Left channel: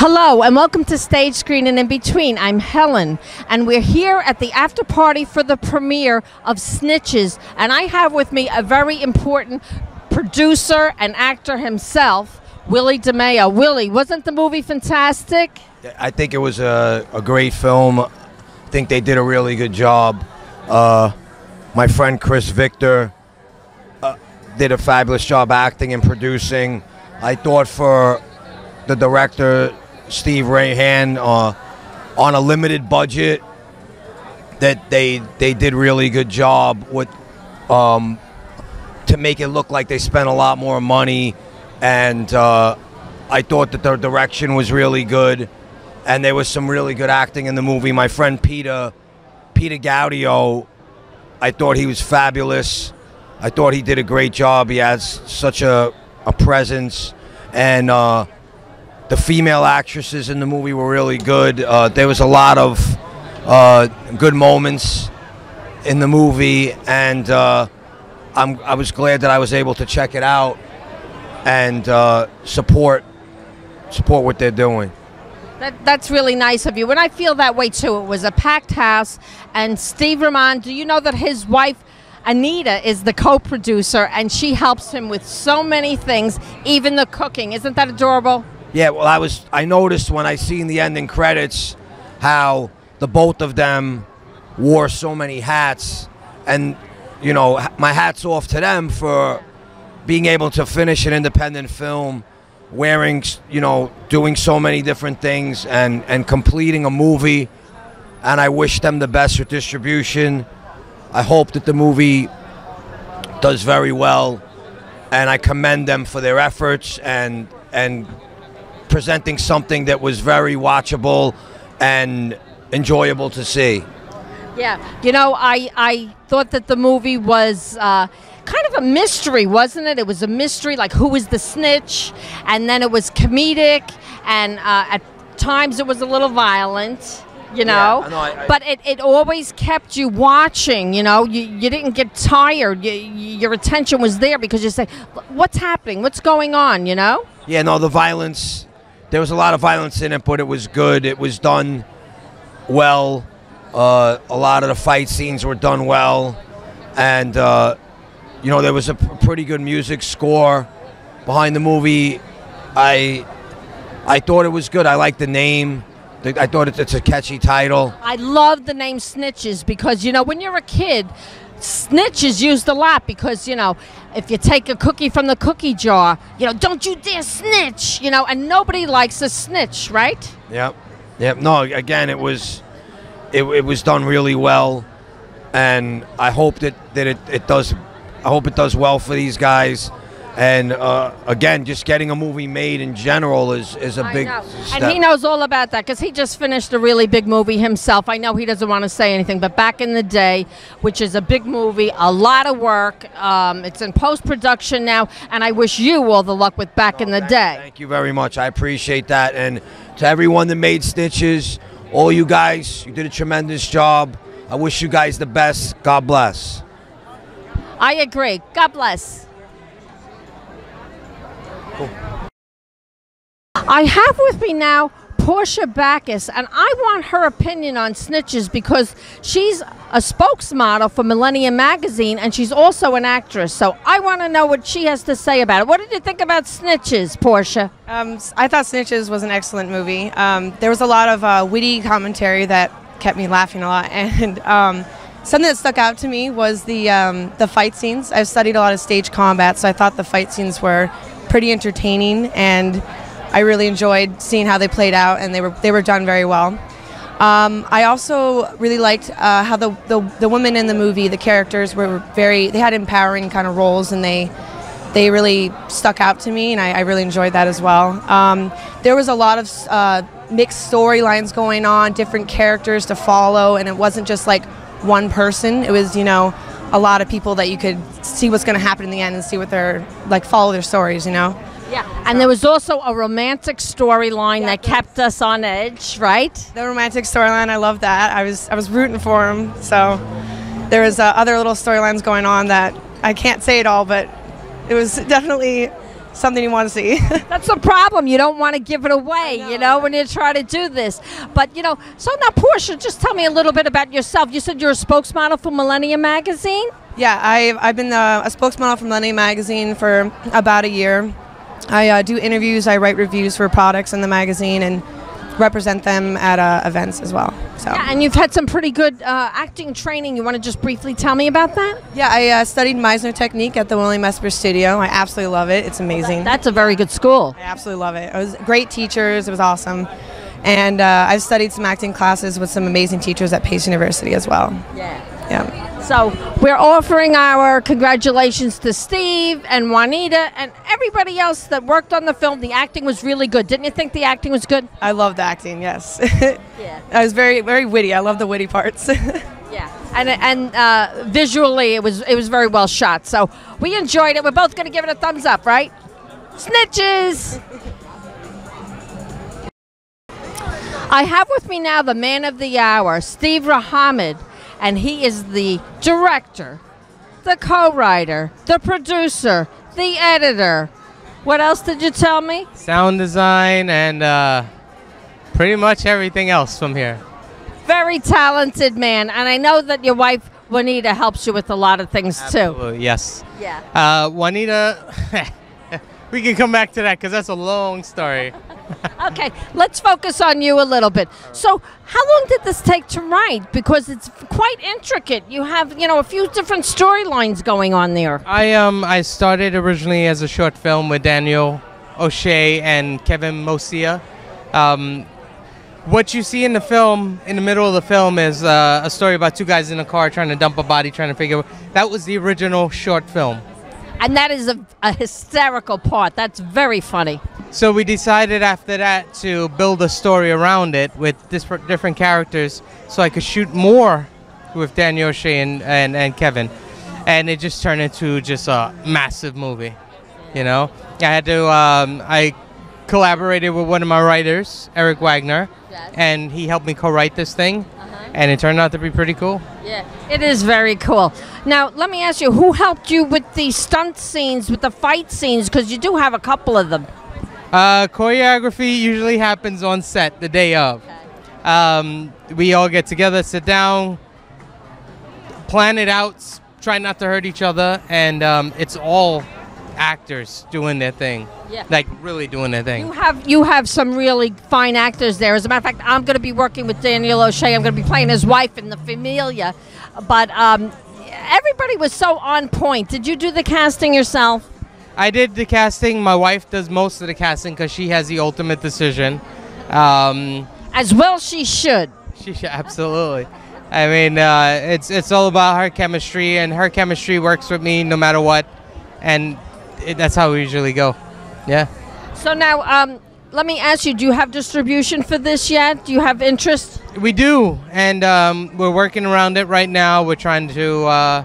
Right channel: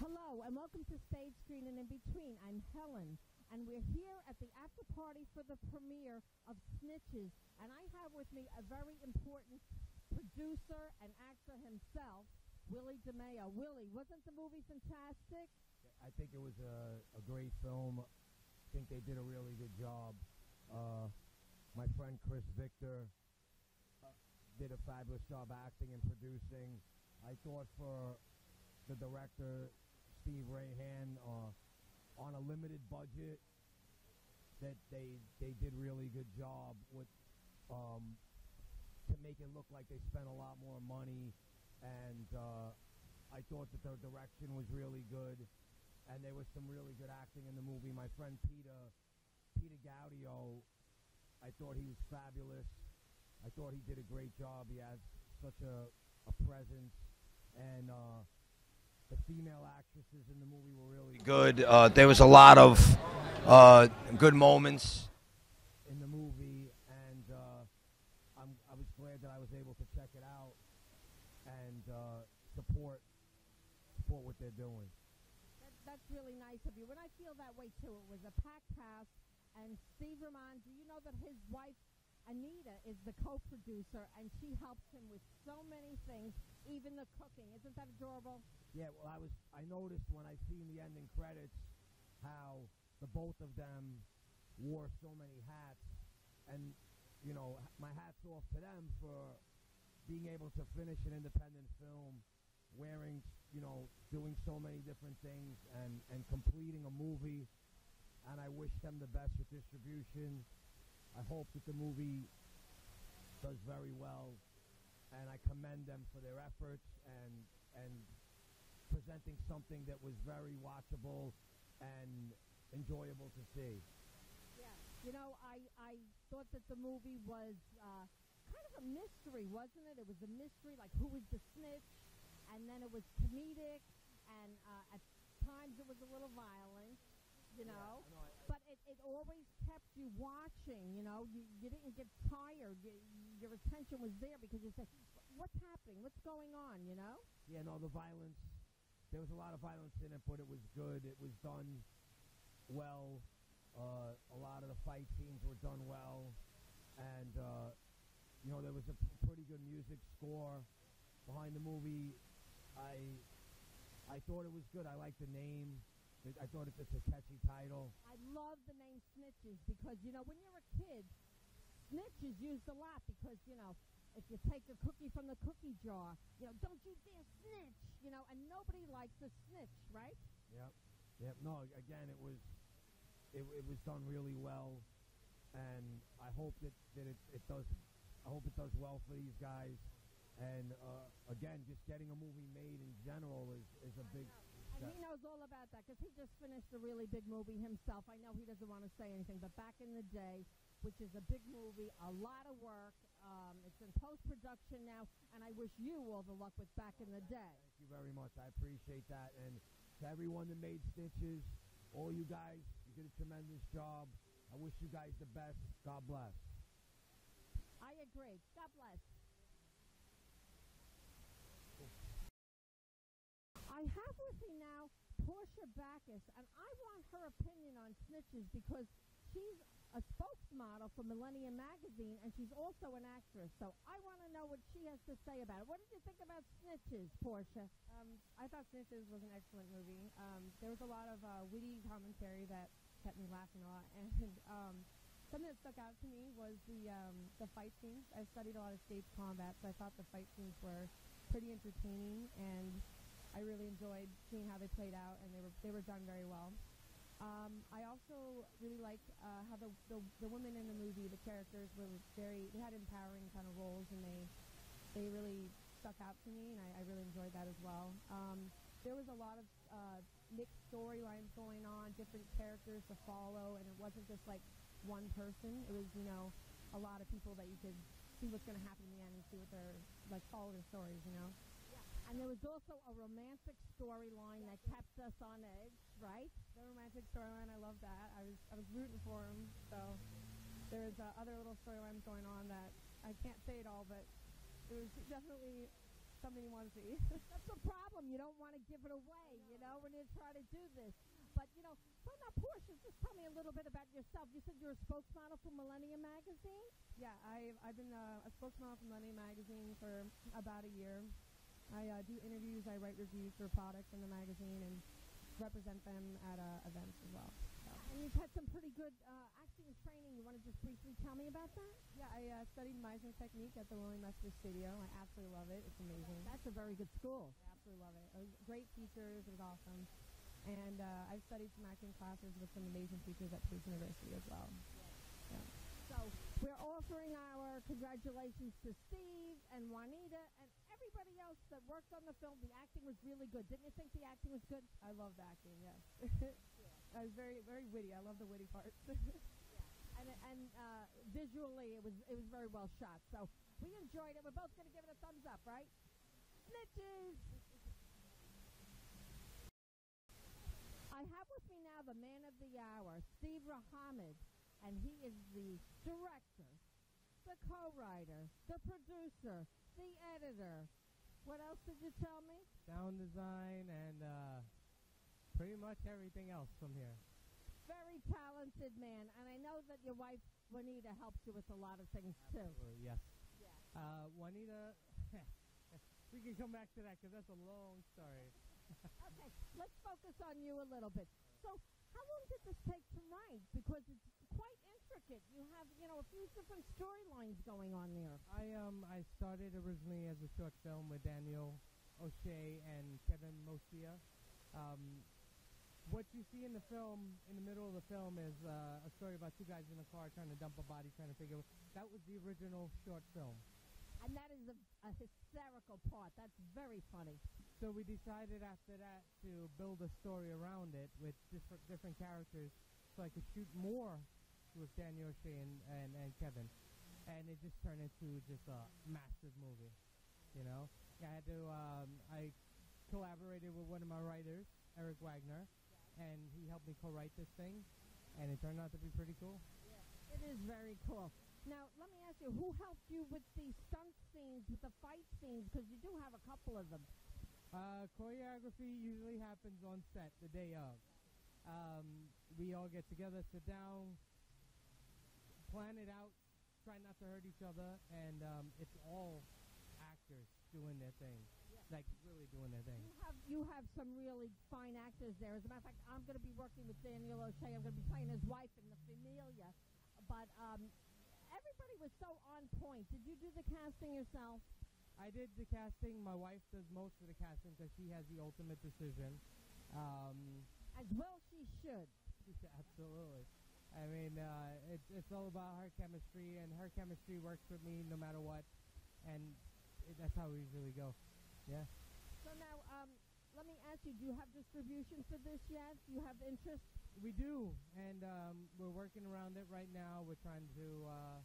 Hello and welcome to Stage Screen and In Between. I'm Helen and we're here at the after party for the premiere of Snitches, and I have with me a very important producer and actor himself, Willie DeMeo. Willie, wasn't the movie fantastic? I think it was a great film. I think they did a really good job. My friend Chris Victor did a fabulous job acting and producing. I thought for the director, Steve Rahaman, on a limited budget, that they did really good job with to make it look like they spent a lot more money, and I thought that the direction was really good, and there was some really good acting in the movie. My friend Peter Gaudio, I thought he was fabulous. I thought he did a great job. He has such a presence, and the female actresses in the movie were really good. There was a lot of good moments in the movie, and I was glad that I was able to check it out and support what they're doing. That's really nice of you, and I feel that way too. It was a packed house, and Steve Rahaman, do you know that his wife Anita is the co-producer, and she helps him with so many things, even the cooking. Isn't that adorable? Yeah, well, I noticed when I seen the ending credits how the both of them wore so many hats, and you know, my hat's off to them for being able to finish an independent film, wearing, you know, doing so many different things and completing a movie, and I wish them the best with distribution. I hope that the movie does very well, and I commend them for their efforts and presenting something that was very watchable and enjoyable to see. Yeah, you know, I thought that the movie was kind of a mystery, wasn't it? It was a mystery, like who was the snitch, and then it was comedic, and at times it was a little violent. You know, yeah, but it always kept you watching, you know, you didn't get tired, your attention was there because you say, what's happening, what's going on, you know? Yeah, no, the violence, there was a lot of violence in it, but it was good, it was done well, a lot of the fight scenes were done well, and, you know, there was a pretty good music score behind the movie. I thought it was good, I liked the name. I thought it's a catchy title. I love the name Snitches because, you know, when you're a kid, snitch is used a lot because, you know, if you take a cookie from the cookie jar, you know, don't you dare snitch, you know, and nobody likes a snitch, right? Yep. Yep. No, again, it was done really well, and I hope that it does. I hope it does well for these guys. And again, just getting a movie made in general is a big step. And he knows all about that because he just finished a really big movie himself. I know he doesn't want to say anything, but Back in the Day, which is a big movie, a lot of work. It's in post-production now, and I wish you all the luck with Back in the Day. Thank you very much. I appreciate that. And to everyone that made Snitches, all you guys, you did a tremendous job. I wish you guys the best. God bless. I agree. God bless. I have with me now Portia Backus, and I want her opinion on Snitches because she's a spokesmodel for Millennium Magazine, and she's also an actress. So I want to know what she has to say about it. What did you think about Snitches, Portia? I thought Snitches was an excellent movie. There was a lot of witty commentary that kept me laughing a lot, and something that stuck out to me was the fight scenes. I've studied a lot of stage combat, so I thought the fight scenes were pretty entertaining, and I really enjoyed seeing how they played out, and they were done very well. I also really liked how the women in the movie, the characters they had empowering kind of roles, and they really stuck out to me, and I really enjoyed that as well. There was a lot of mixed storylines going on, different characters to follow, and it wasn't just like one person. It was, you know, a lot of people that you could see what's going to happen in the end and see what they're like, follow their stories, you know. Yeah, and there was also a romantic storyline that kept us on edge, right? The romantic storyline, I love that. I was rooting for him. So there was other little storylines going on that I can't say it all, but it was definitely something you want to see. That's the problem. You don't want to give it away, you know, when you try to do this. But, you know, so now, Portia, just tell me a little bit about yourself. You said you're a spokesmodel for Millennium Magazine? Yeah, I've been a spokesmodel for Millennium Magazine for about a year. I do interviews, I write reviews for products in the magazine, and represent them at events as well. So. Yeah, and you've had some pretty good acting training. You want to just briefly tell me about that? Yeah, I studied Meisner technique at the William Esper Studio. I absolutely love it. It's amazing. That's a very good school. I absolutely love it. It was great teachers. It was awesome. And I've studied some acting classes with some amazing teachers at Pace University as well. Yeah. Yeah. So we're offering our congratulations to Steve and Juanita and everybody else that worked on the film. The acting was really good. Didn't you think the acting was good? I loved the acting, yes. Yeah. I was very, very witty. I love the witty parts. Yeah. And visually it was very well shot. So we enjoyed it. We're both going to give it a thumbs up, right? Snitches! I have with me now the man of the hour, Steve Rahaman. And he is the director, the co-writer, the producer, the editor. What else did you tell me? Sound design and pretty much everything else from here. Very talented man. And I know that your wife, Juanita, helps you with a lot of things, Absolutely, too. yes. Yeah. Juanita, we can come back to that because that's a long story. Okay, let's focus on you a little bit. So how long did this take to write? Because it's quite intricate. You have, you know, a few different storylines going on there. I started originally as a short film with Daniel O'Shea and Kevin Mosia. What you see in the film, in the middle of the film, is a story about two guys in a car trying to dump a body, trying to figure. That was the original short film. And that is a hysterical part. That's very funny. So we decided after that to build a story around it with different characters so I could shoot more with Daniel O'Shea and Kevin. And it just turned into just a massive movie, you know? I had to, I collaborated with one of my writers, Eric Wagner, yes. And he helped me co-write this thing. And it turned out to be pretty cool. Yeah, it is very cool. Now, let me ask you, who helped you with the stunt scenes, with the fight scenes? Because you do have a couple of them. Choreography usually happens on set the day of. Okay. We all get together, sit down, plan it out, try not to hurt each other, and it's all actors doing their thing. Yeah. Like really doing their thing. You have some really fine actors there. As a matter of fact, I'm going to be working with Daniel O'Shea. I'm going to be playing his wife in the Familia. But everybody was so on point. Did you do the casting yourself? I did the casting. My wife does most of the casting because she has the ultimate decision. As well she should. She should, absolutely. I mean, it's all about her chemistry, and her chemistry works with me no matter what. And that's how we usually go. Yeah. So now, let me ask you, do you have distribution for this yet? Do you have interest? We do, and we're working around it right now. We're trying to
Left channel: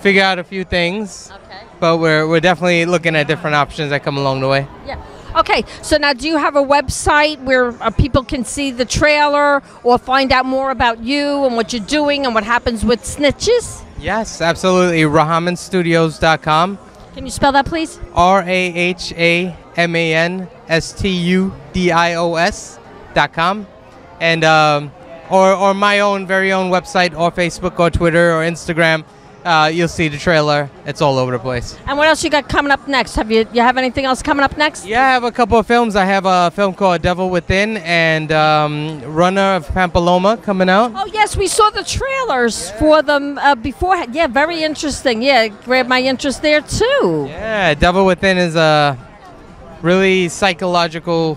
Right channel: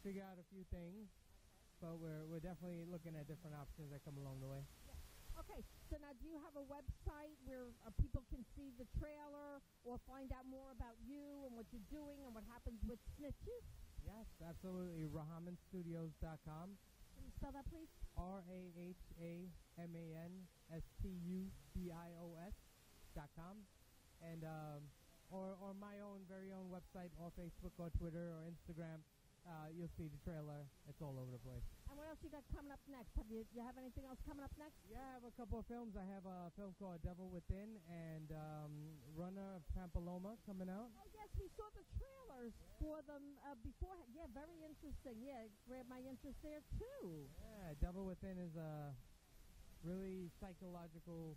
figure out a few things. Okay. But we're definitely looking at different options that come along the way. Yeah. Okay, so now do you have a website where people can see the trailer or find out more about you and what you're doing and what happens with Snitches? Yes, absolutely. RahamanStudios.com. Can you spell that, please? RahamanStudios.com. And or my own very own website, or Facebook, or Twitter, or Instagram. You'll see the trailer. It's all over the place. And what else you got coming up next? You have anything else coming up next? Yeah, I have a couple of films. I have a film called Devil Within and Runner of Pampaloma coming out. Oh, yes, we saw the trailers for them beforehand. Yeah, very interesting. Yeah, grabbed my interest there, too. Yeah, Devil Within is a really psychological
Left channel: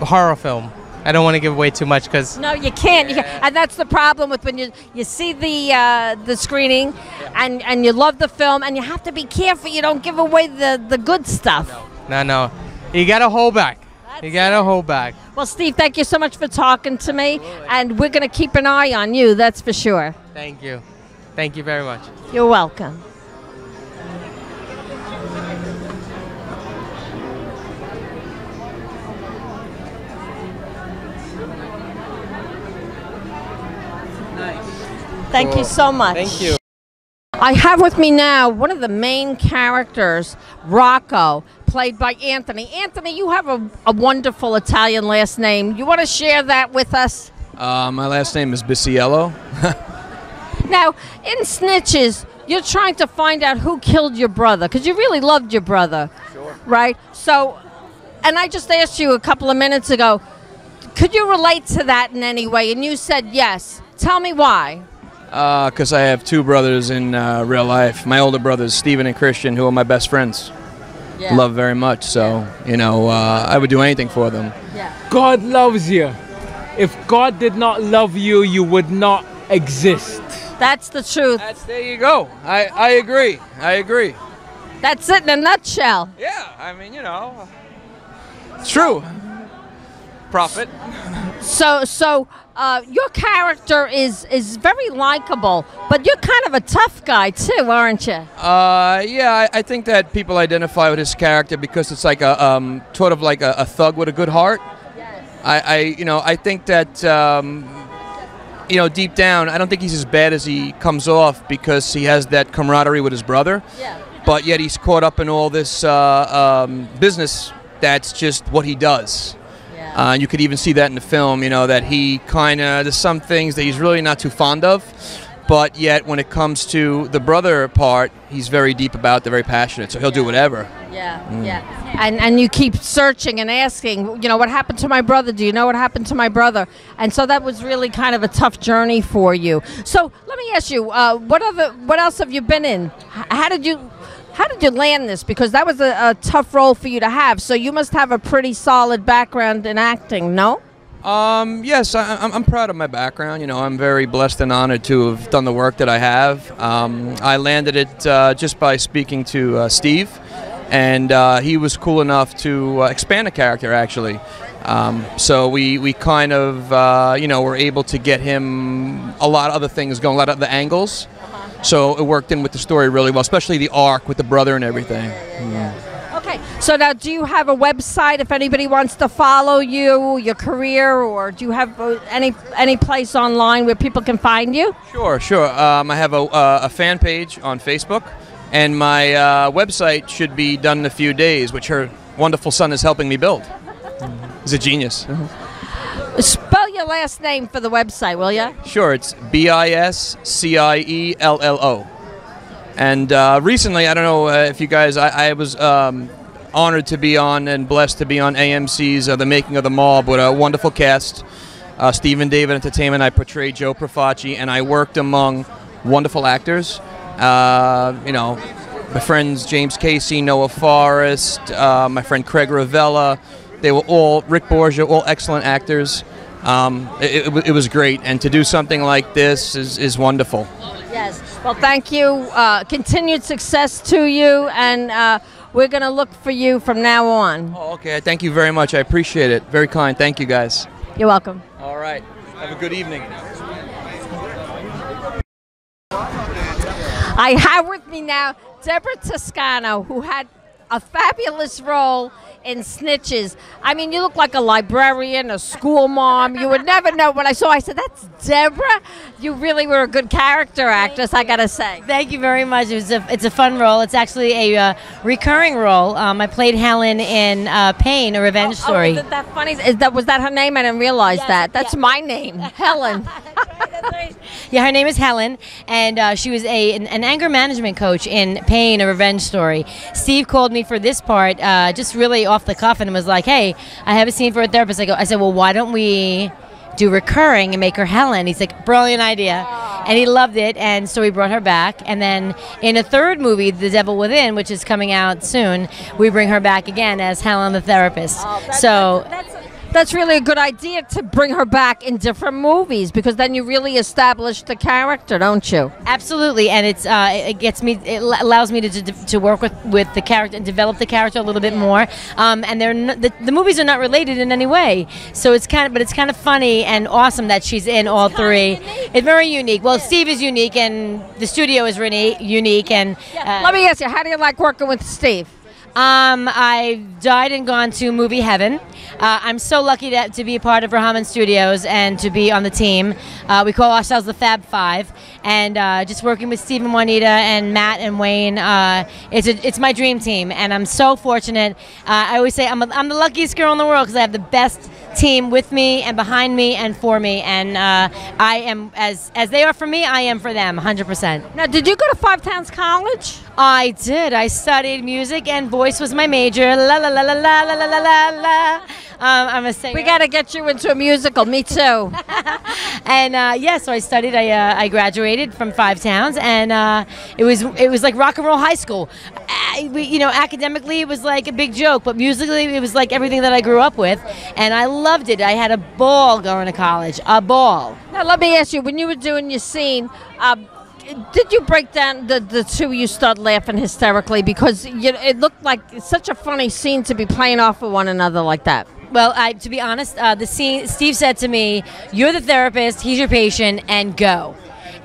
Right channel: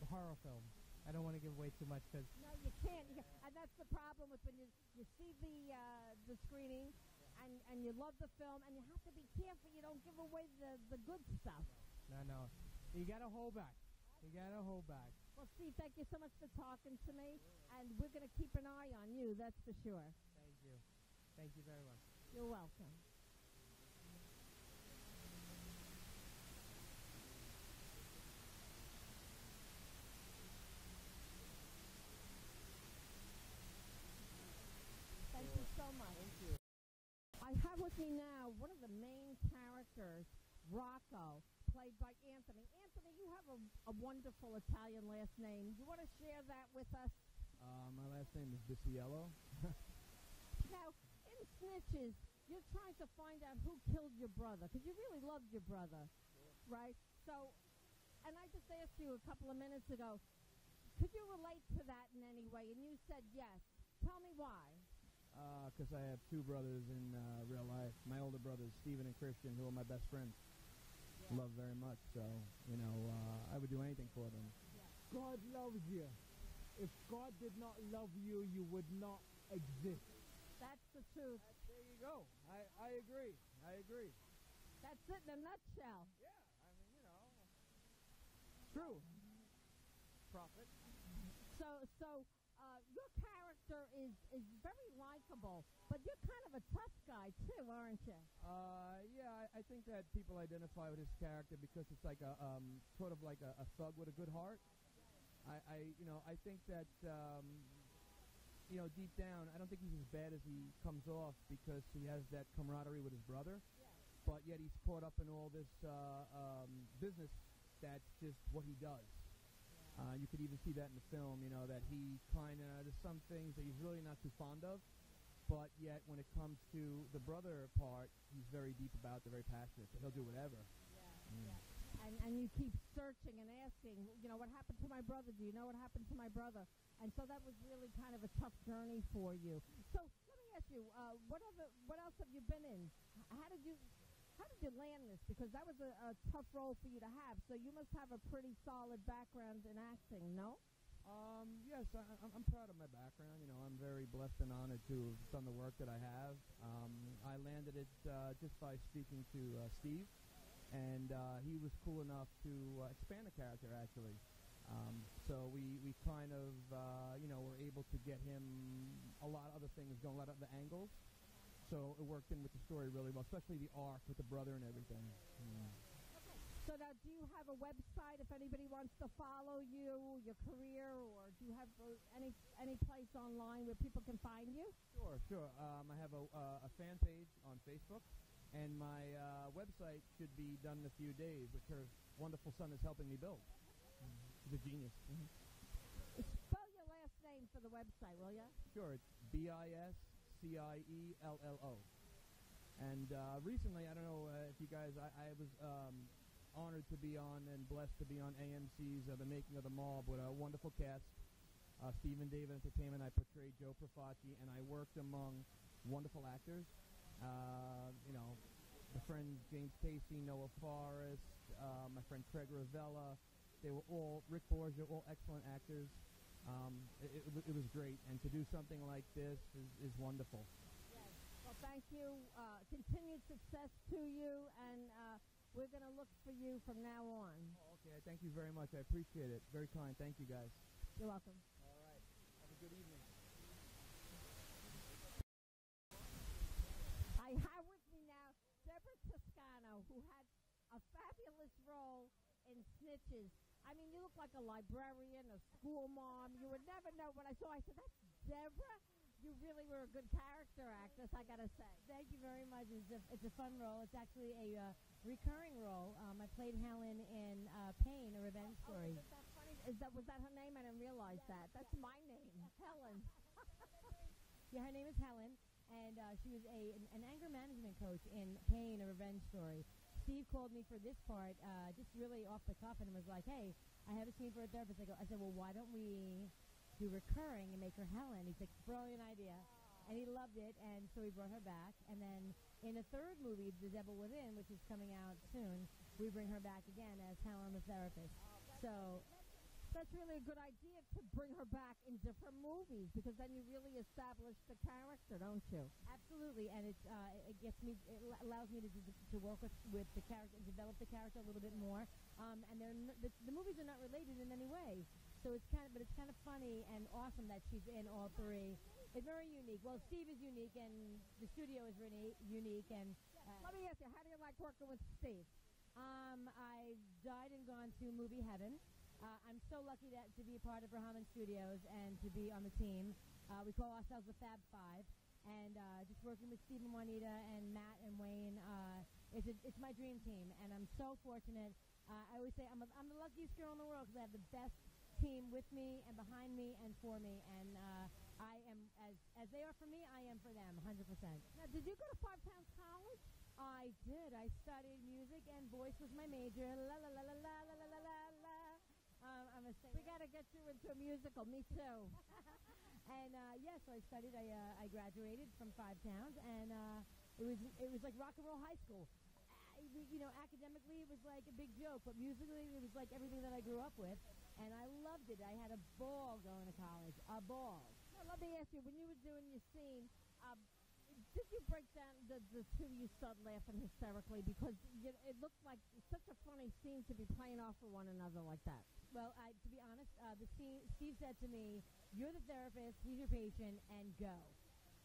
horror film. I don't want to give away too much because... No, you can't. And that's the problem with when you see the screening and you love the film, and you have to be careful you don't give away the good stuff. No. You got to hold back. You got to hold back. Well, Steve, thank you so much for talking to me. Absolutely. And we're going to keep an eye on you, that's for sure. Thank you. Thank you very much. You're welcome. Thank you so much. Thank you. I have with me now one of the main characters, Rocco, played by Anthony. Anthony, you have a wonderful Italian last name. You want to share that with us? My last name is Bisciello. Now, in Snitches, you're trying to find out who killed your brother, because you really loved your brother. Sure. Right? So, and I just asked you a couple of minutes ago, could you relate to that in any way? And you said yes. Tell me why. Because I have two brothers in real life. My older brothers, Steven and Christian, who are my best friends. Yeah. Love very much. So, you know, I would do anything for them. Yeah. God loves you. If God did not love you, you would not exist. That's the truth. There you go. I agree. I agree. That's it in a nutshell. Yeah, I mean, you know, it's true. Prophet. So your character is very likable, but you're kind of a tough guy too, aren't you? Yeah, I think that people identify with his character because it's like a sort of like a thug with a good heart. Yes. I think that deep down, I don't think he's as bad as he comes off because he has that camaraderie with his brother. Yeah. But yet he's caught up in all this business that's just what he does. You could even see that in the film, you know, that he kind of, there's some things that he's really not too fond of, but yet when it comes to the brother part, he's very deep about it, very passionate, so he'll do whatever. Yeah, yeah. And you keep searching and asking, you know, what happened to my brother? Do you know what happened to my brother? And so that was really kind of a tough journey for you. So let me ask you, what else have you been in? How did you land this? Because that was a tough role for you to have. So you must have a pretty solid background in acting, no? Yes, I'm proud of my background. You know, I'm very blessed and honored to have done the work that I have. I landed it just by speaking to Steve, and he was cool enough to expand the character, actually. So we kind of, were able to get him a lot of other things going, a lot of other angles. So it worked in with the story really well, especially the arc with the brother and everything. Yeah. Okay, so now do you have a website if anybody wants to follow you, your career, or do you have any place online where people can find you? Sure. I have a fan page on Facebook, and my website should be done in a few days, which her wonderful son is helping me build. He's a genius. Spell your last name for the website, will you? Sure, it's Bisciello. And recently, I don't know if you guys, I was honored to be on and blessed to be on AMC's The Making of the Mob with a wonderful cast. Stephen David Entertainment, I portrayed Joe Profaci, and I worked among wonderful actors. My friends James Casey, Noah Forrest, my friend Craig Ravella. They were all, Rick Borgia, all excellent actors. It was great, and to do something like this is wonderful. Yes. Well, thank you. Continued success to you, and we're going to look for you from now on. Oh, okay. Thank you very much. I appreciate it. Very kind. Thank you, guys. You're welcome. All right. Have a good evening. I have with me now DEBRA Toscano, who had a fabulous role in Snitches. I mean, you look like a librarian, a school mom. You would never know. When I saw, I said, that's DEBRA? You really were a good character actress, I gotta say. Thank you very much. It's a fun role. It's actually a recurring role. I played Helen in Pain, a revenge story. Isn't that funny? Was that her name? I didn't realize that. That's my name, Helen. That's right. Yeah, her name is Helen, and she was an anger management coach in Pain, a revenge story. Steve called me for this part, just really off the cuff, and was like, "Hey, I have a scene for a therapist." I said, "Well, why don't we do recurring and make her Helen?" He's like, "Brilliant idea," and he loved it, and so we brought her back. And then in a third movie, The Devil Within, which is coming out soon, we bring her back again as Helen the therapist. That's really a good idea to bring her back in different movies, because then you really establish the character, don't you? Absolutely, and it allows me to work with the character and develop the character a little bit more. And the movies are not related in any way, so it's kind of funny and awesome that she's in all three. It's very unique. Well, Steve is unique, and the studio is really unique. And let me ask you, how do you like working with Steve? I've died and gone to movie heaven. I'm so lucky to be a part of Rahaman Studios and to be on the team. We call ourselves the Fab Five, and just working with Steve and Juanita and Matt and Wayne, it's my dream team, and I'm so fortunate. I always say I'm the luckiest girl in the world because I have the best team with me and behind me and for me, and I am, as they are for me, I am for them, 100%. Now, did you go to Five Towns College? I did. I studied music and voice was my major. La la la la la la la la la. I'm a singer. We got to get you into a musical. Me too. And yeah, so I studied. I graduated from Five Towns, and it was like rock and roll high school. Academically it was like a big joke, but musically it was like everything that I grew up with, and I loved it. I had a ball going to college. A ball. Now let me ask you: when you were doing your scene, did you break down the two you start laughing hysterically because it looked like such a funny scene to be playing off of one another like that? Well, to be honest, the scene, Steve said to me, "You're the therapist, he's your patient, and go."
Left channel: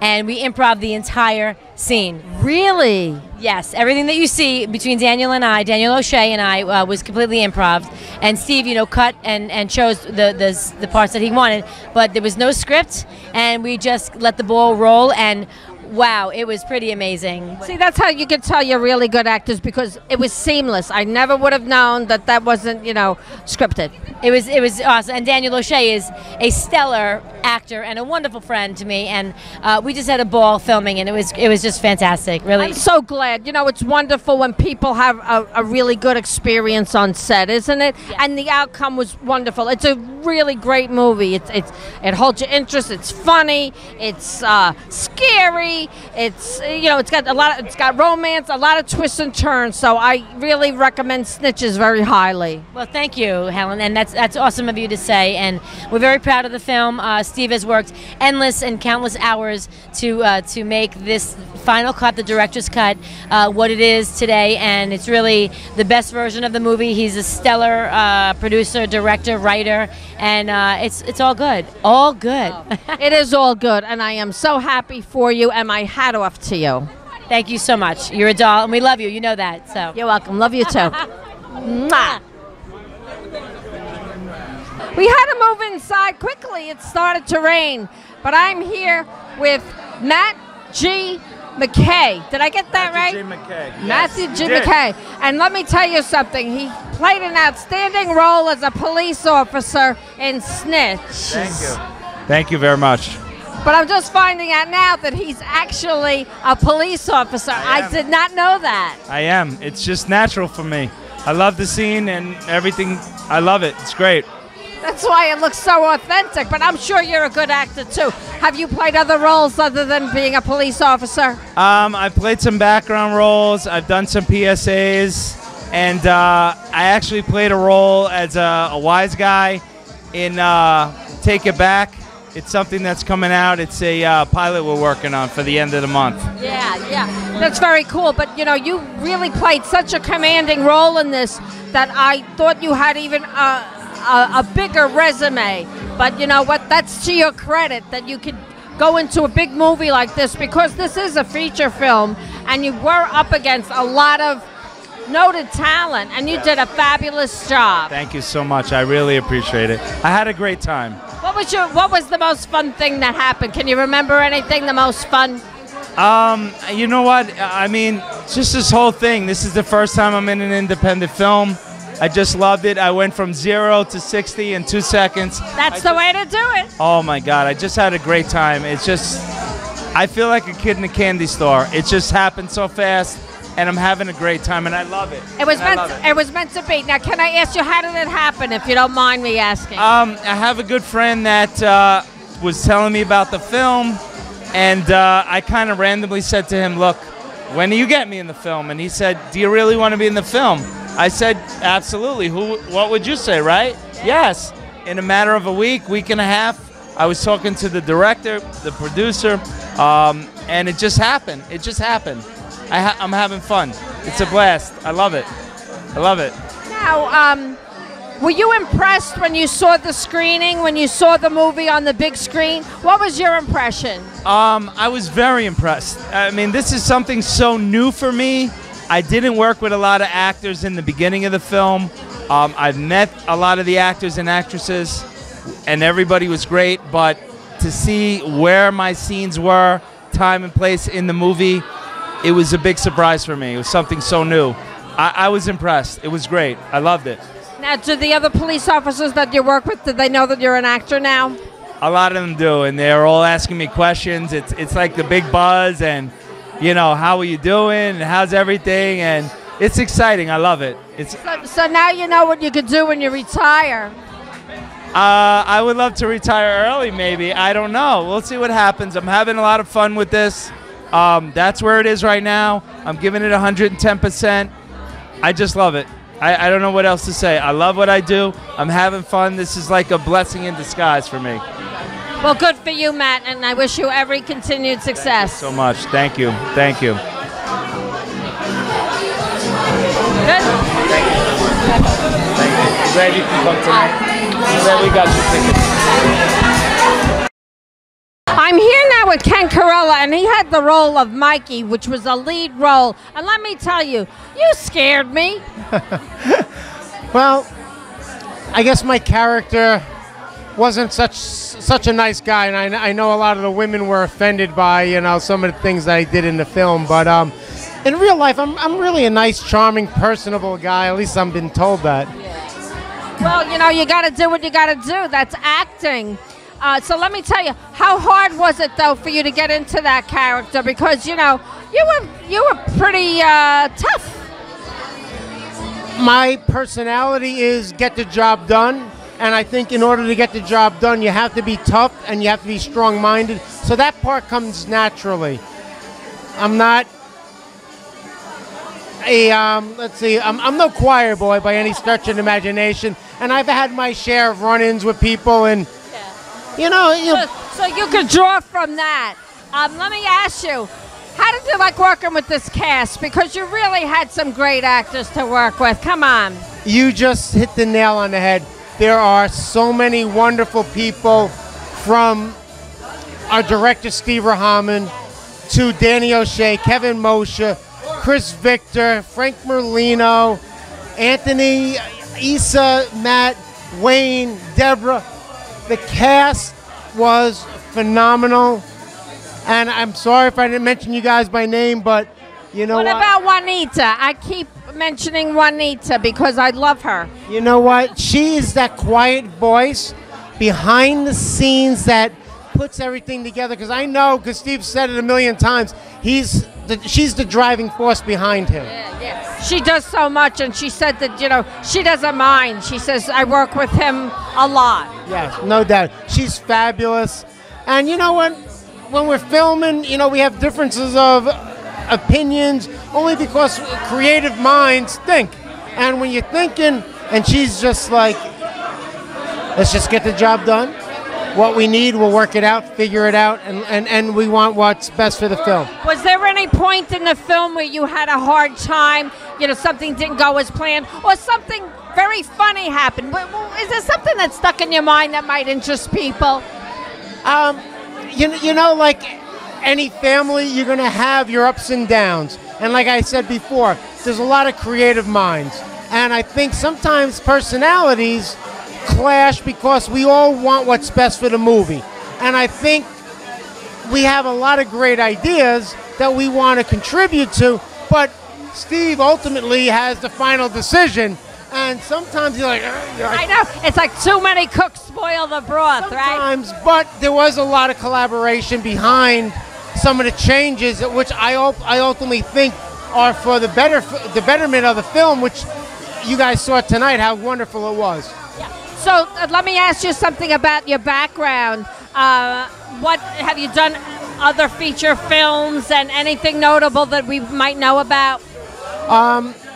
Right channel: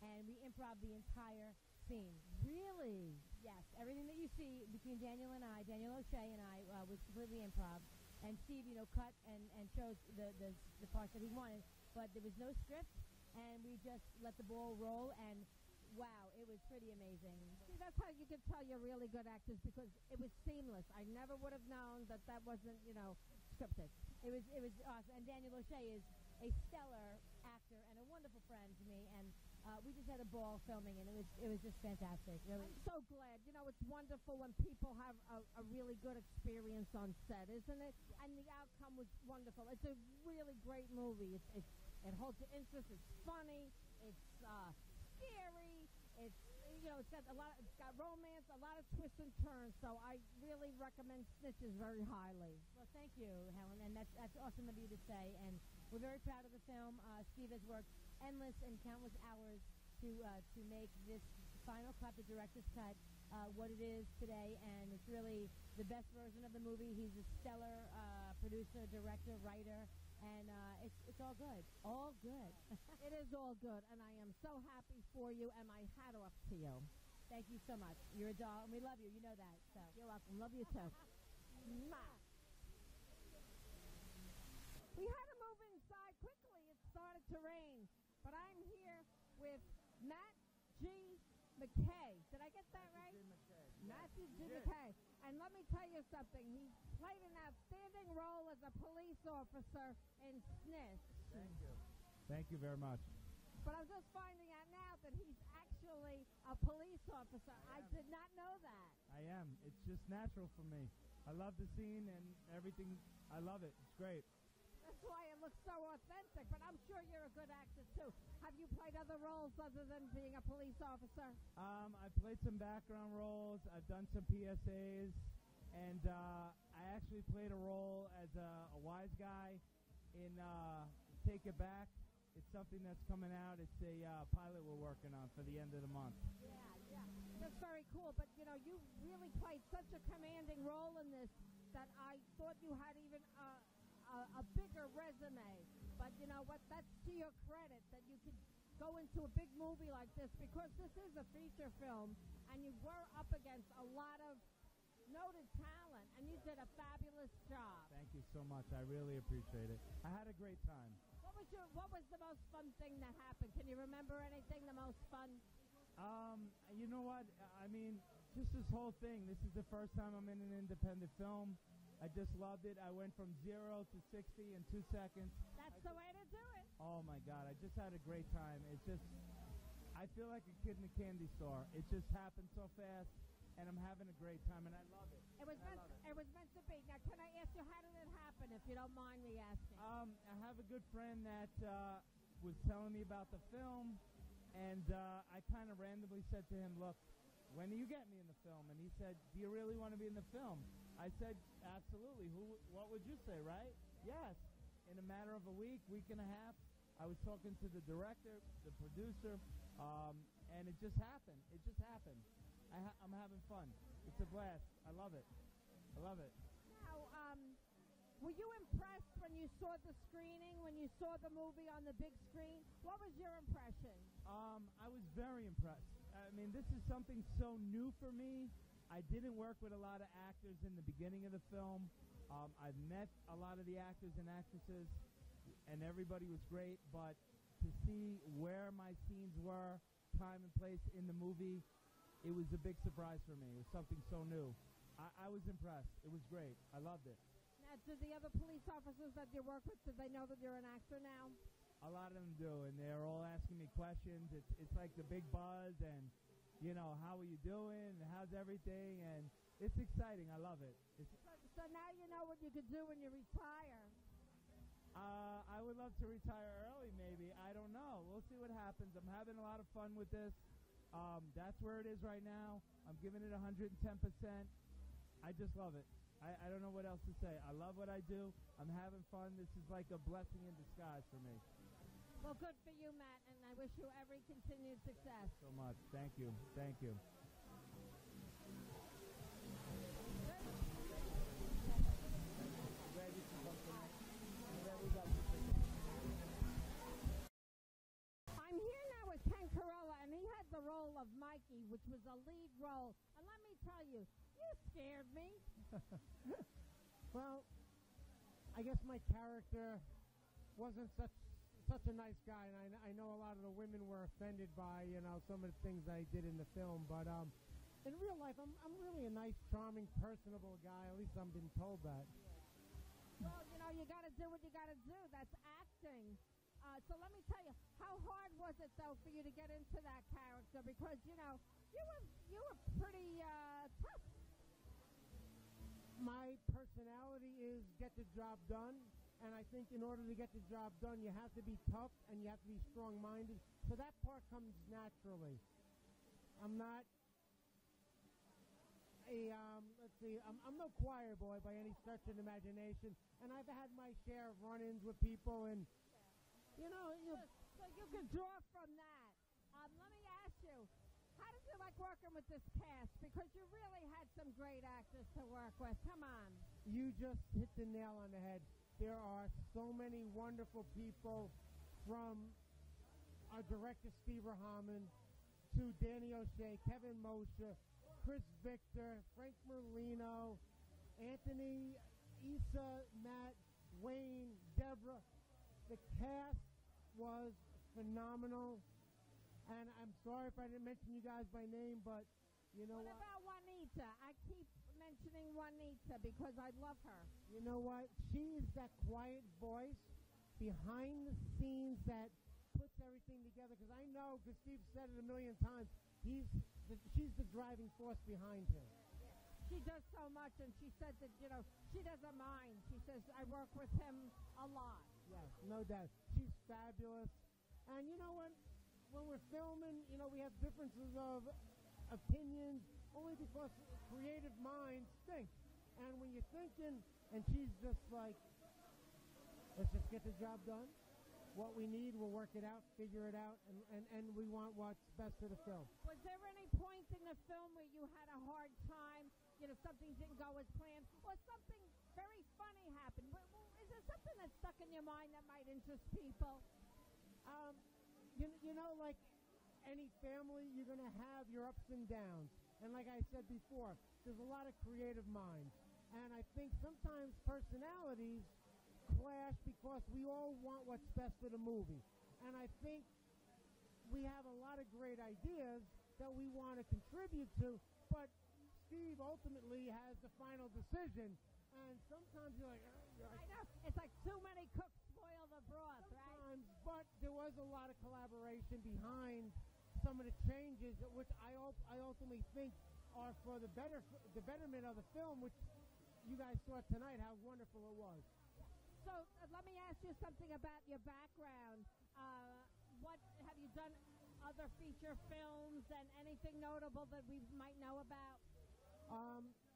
And we improv the entire scene. Really? Yes, everything that you see between Daniel O'Shea and I was completely improv. And Steve, cut and chose the parts that he wanted, but there was no script, and we just let the ball roll, and wow, it was pretty amazing. See, that's how you can tell you're really good actors, because it was seamless. I never would have known that wasn't, scripted. It was awesome. And Daniel O'Shea is a stellar actor and a wonderful friend to me, and we just had a ball filming, and it was just fantastic, really. I'm so glad. It's wonderful when people have a really good experience on set, isn't it? Yes. And the outcome was wonderful. It's a really great movie. It holds your interest. It's funny. It's scary. It's it's got romance, a lot of twists and turns. So I really recommend Snitches very highly. Well, thank you, Helen, and that's awesome of you to say. And we're very proud of the film. Steve has worked endless and countless hours to make this final cut, the director's cut, what it is today, and it's really the best version of the movie. He's a stellar producer, director, writer, and it's all good. All good. It is all good, and I am so happy for you, and my hat off to you. Thank you so much. You're a doll, and we love you. You know that. So you're welcome. Love you too. Mwah. We had to move inside quickly. It started to rain, but I'm here with Matt G. McKay. Did I get that right? Matthew G. McKay. And let me tell you something. He played an outstanding role as a police officer in Snitches. Thank you. Thank you very much. But I'm just finding out now that he's actually a police officer. I did not know that. I am. It's just natural for me. I love the scene and everything. I love it. It's great. That's why it looks so authentic, but I'm sure you're a good actor too. Have you played other roles other than being a police officer? I've played some background roles. I've done some PSAs, and I actually played a role as a wise guy in Take It Back. It's something that's coming out. It's a pilot we're working on for the end of the month. Yeah. That's very cool, but you really played such a commanding role in this that I thought you had even a bigger resume, but you know what? That's to your credit that you could go into a big movie like this, because this is a feature film, and you were up against a lot of noted talent, and you did a fabulous job. Thank you so much. I really appreciate it. I had a great time. What was the most fun thing that happened? Can you remember anything the most fun? You know what? I mean, just this whole thing. This is the first time I'm in an independent film. I just loved it. I went from 0 to 60 in 2 seconds. That's the way to do it. Oh my God, I just had a great time. It's just, I feel like a kid in a candy store. It just happened so fast, and I'm having a great time, and I love it. It was meant to be. Now, can I ask you, how did it happen, if you don't mind me asking? I have a good friend that was telling me about the film, and I kind of randomly said to him, look, when do you get me in the film? And he said, do you really want to be in the film? I said, absolutely. What would you say, right? Yes. In a matter of a week and a half, I was talking to the director, the producer, and it just happened. It just happened. I'm having fun. It's a blast. I love it. I love it. Now, were you impressed when you saw the screening, when you saw the movie on the big screen? What was your impression? I was very impressed. I mean, this is something so new for me. I didn't work with a lot of actors in the beginning of the film, I've met a lot of the actors and actresses, and everybody was great, but to see where my scenes were, time and place in the movie, it was a big surprise for me. It was something so new. I was impressed. It was great. I loved it. Now, do the other police officers that you work with, do they know that you're an actor now? A lot of them do, and they're all asking me questions. It's like the big buzz, and, you know, how are you doing, and how's everything, and it's exciting. I love it. So now you know what you could do when you retire. I would love to retire early, maybe. I don't know. We'll see what happens. I'm having a lot of fun with this. That's where it is right now. I'm giving it 110%. I just love it. I don't know what else to say. I love what I do. I'm having fun. This is like a blessing in disguise for me. Well, good for you, Matt, and I wish you every continued success. So much. Thank you. Thank you. Good? Thank you. Glad you can come tonight. Glad we got your tickets. I'm here now with Ken Carrella, and he had the role of Mikey, which was a lead role. And let me tell you, you scared me. Well, I guess my character wasn't such a nice guy, and I know a lot of the women were offended by, you know, some of the things that I did in the film. But in real life, I'm really a nice, charming, personable guy. At least I've been told that. Well, you know, you got to do what you got to do. That's acting. So let me tell you, how hard was it though for you to get into that character? Because you know, you were pretty tough. My personality is get the job done, and I think in order to get the job done, you have to be tough and you have to be strong-minded. So that part comes naturally. I'm not a let's see, I'm no choir boy by any stretch of the imagination, and I've had my share of run-ins with people and. You know, so you could draw from that. Let me ask you, how did you like working with this cast? Because you really had some great actors to work with. Come on. You just hit the nail on the head. There are so many wonderful people, from our director, Steve Rahaman, to Danny O'Shea, Kevin Moshe, Chris Victor, Frank Merlino, Anthony, Issa, Matt, Wayne, Deborah. The cast was phenomenal, and I'm sorry if I didn't mention you guys by name, but you know what? What about Juanita? I keep mentioning Juanita because I love her. You know what? She is that quiet voice behind the scenes that puts everything together, because I know, because Steve said it a million times, she's the driving force behind him. Yeah. She does so much, and she said that, you know, she doesn't mind. She says, I work with him a lot. Yes, no doubt. She's fabulous. And you know what? When we're filming, you know, we have differences of opinions only because creative minds think. And when you're thinking, and she's just like, let's just get the job done. What we need, we'll work it out, figure it out, and we want what's best for the film. Was there any point in the film where you had a hard time, you know, something didn't go as planned, or something very funny happened? Is there something that stuck in your mind that might interest people? You know, like any family, you're going to have your ups and downs. And like I said before, there's a lot of creative minds. And I think sometimes personalities clash because we all want what's best for the movie. And I think we have a lot of great ideas that we want to contribute to, but Steve ultimately has the final decision. And sometimes you're like, I know, it's like too many cooks spoil the broth, sometimes, right? But there was a lot of collaboration behind some of the changes, which I ultimately think are for the betterment of the film, which you guys saw tonight, how wonderful it was. Yeah. So let me ask you something about your background. What have you done? Other feature films and anything notable that we might know about?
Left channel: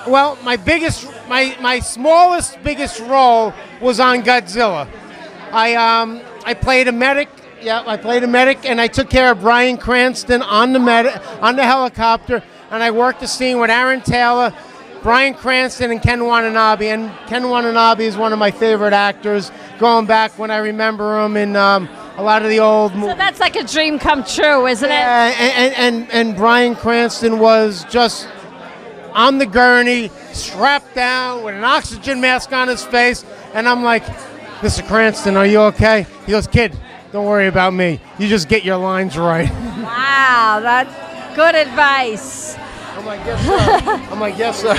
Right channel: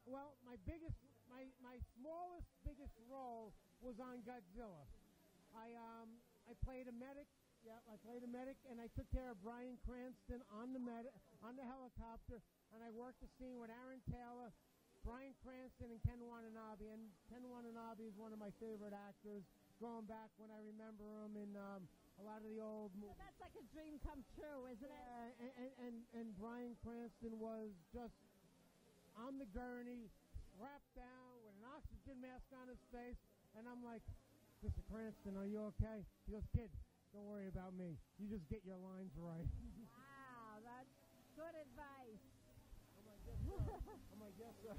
Well, my smallest, biggest role was on Godzilla. I played a medic. Yeah, I played a medic, and I took care of Bryan Cranston on the helicopter, and I worked the scene with Aaron Taylor, Bryan Cranston, and Ken Watanabe. And Ken Watanabe is one of my favorite actors, going back when I remember him in a lot of the old movies. So that's like a dream come true, isn't it? And Bryan Cranston was just on the gurney, strapped down with an oxygen mask on his face. And I'm like, Mr. Cranston, are you okay? He goes, kid, don't worry about me. You just get your lines right. Wow, that's good advice. I'm like, yes, sir. I'm like, yes, sir.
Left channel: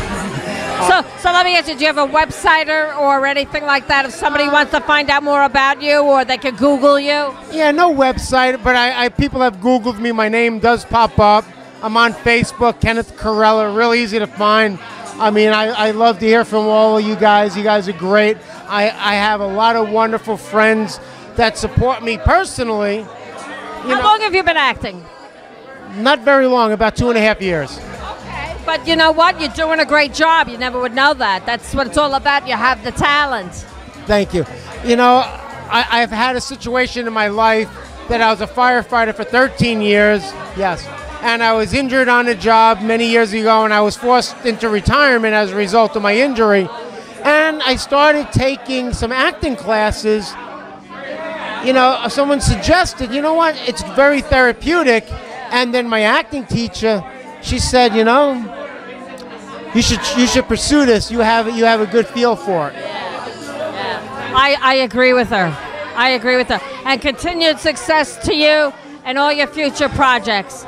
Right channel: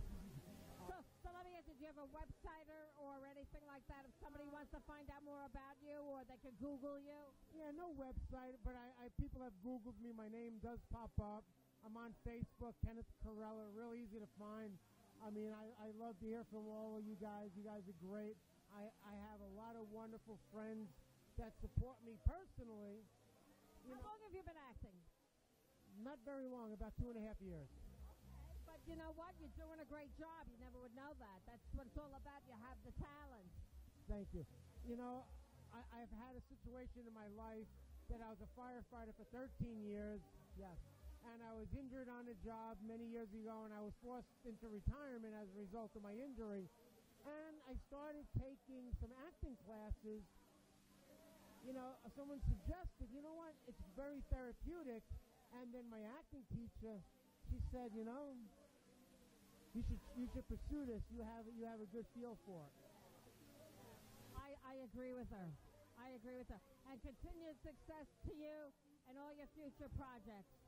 So let me ask you, do you have a website or anything like that if somebody wants to find out more about you, or they could Google you? Yeah, no website, but I people have Googled me. My name does pop up. I'm on Facebook, Kenneth Carrella, really easy to find. I mean, I love to hear from all of you guys. You guys are great. I have a lot of wonderful friends that support me personally. How long have you been acting? Not very long, about 2.5 years. Okay, but you know what? You're doing a great job. You never would know that. That's what it's all about. You have the talent. Thank you. You know, I've had a situation in my life that I was a firefighter for 13 years. Yes. And I was injured on the job many years ago, and I was forced into retirement as a result of my injury. And I started taking some acting classes. You know, someone suggested, you know what, it's very therapeutic. And then my acting teacher, she said, you know, you should pursue this. You have a good feel for it. Yeah. I agree with her. I agree with her. And continued success to you and all your future projects.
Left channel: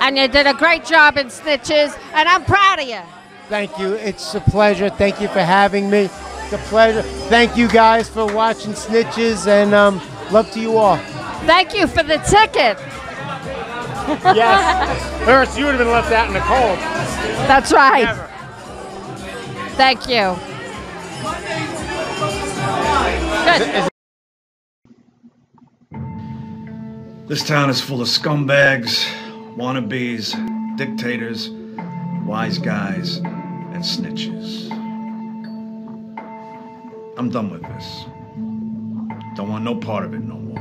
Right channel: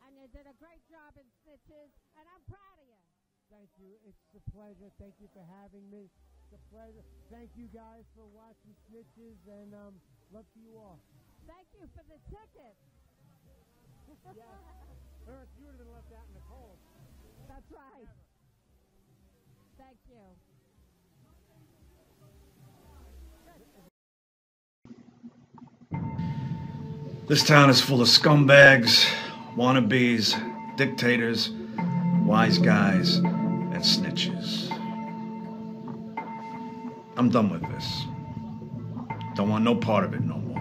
And you did a great job in Snitches, and I'm proud of you. Thank you. It's a pleasure. Thank you for having me. It's a pleasure. Thank you guys for watching Snitches, and love to you all. Thank you for the ticket. Yes. Or else you would have been left out in the cold. That's right. Never. Thank you. Good. This town is full of scumbags, wannabes, dictators, wise guys, and snitches. I'm done with this. Don't want no part of it no more.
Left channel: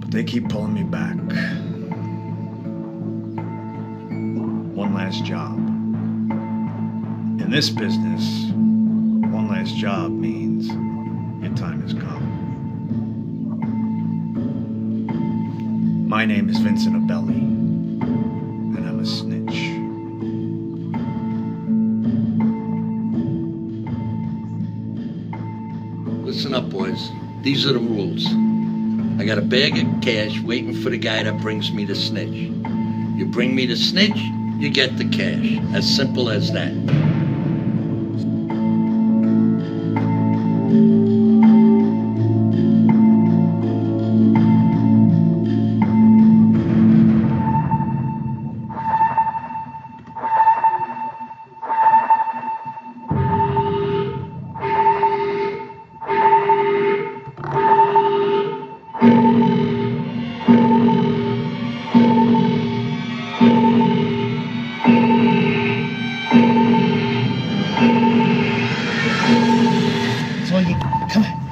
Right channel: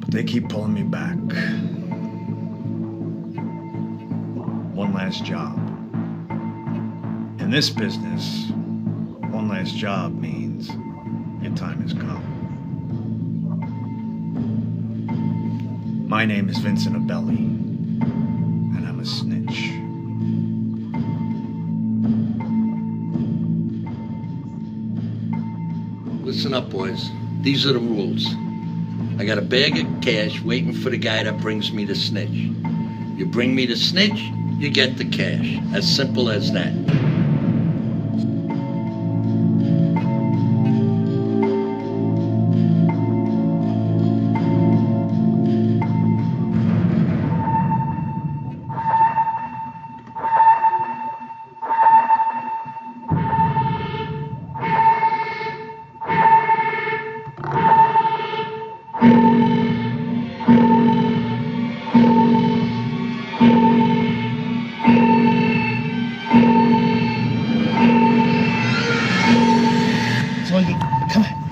But they keep pulling me back. One last job. In this business, one last job means your time has come. My name is Vincent Abelli, and I'm a snitch. Listen up, boys. These are the rules. I got a bag of cash waiting for the guy that brings me the snitch. You bring me the snitch, you get the cash. As simple as that. Come on.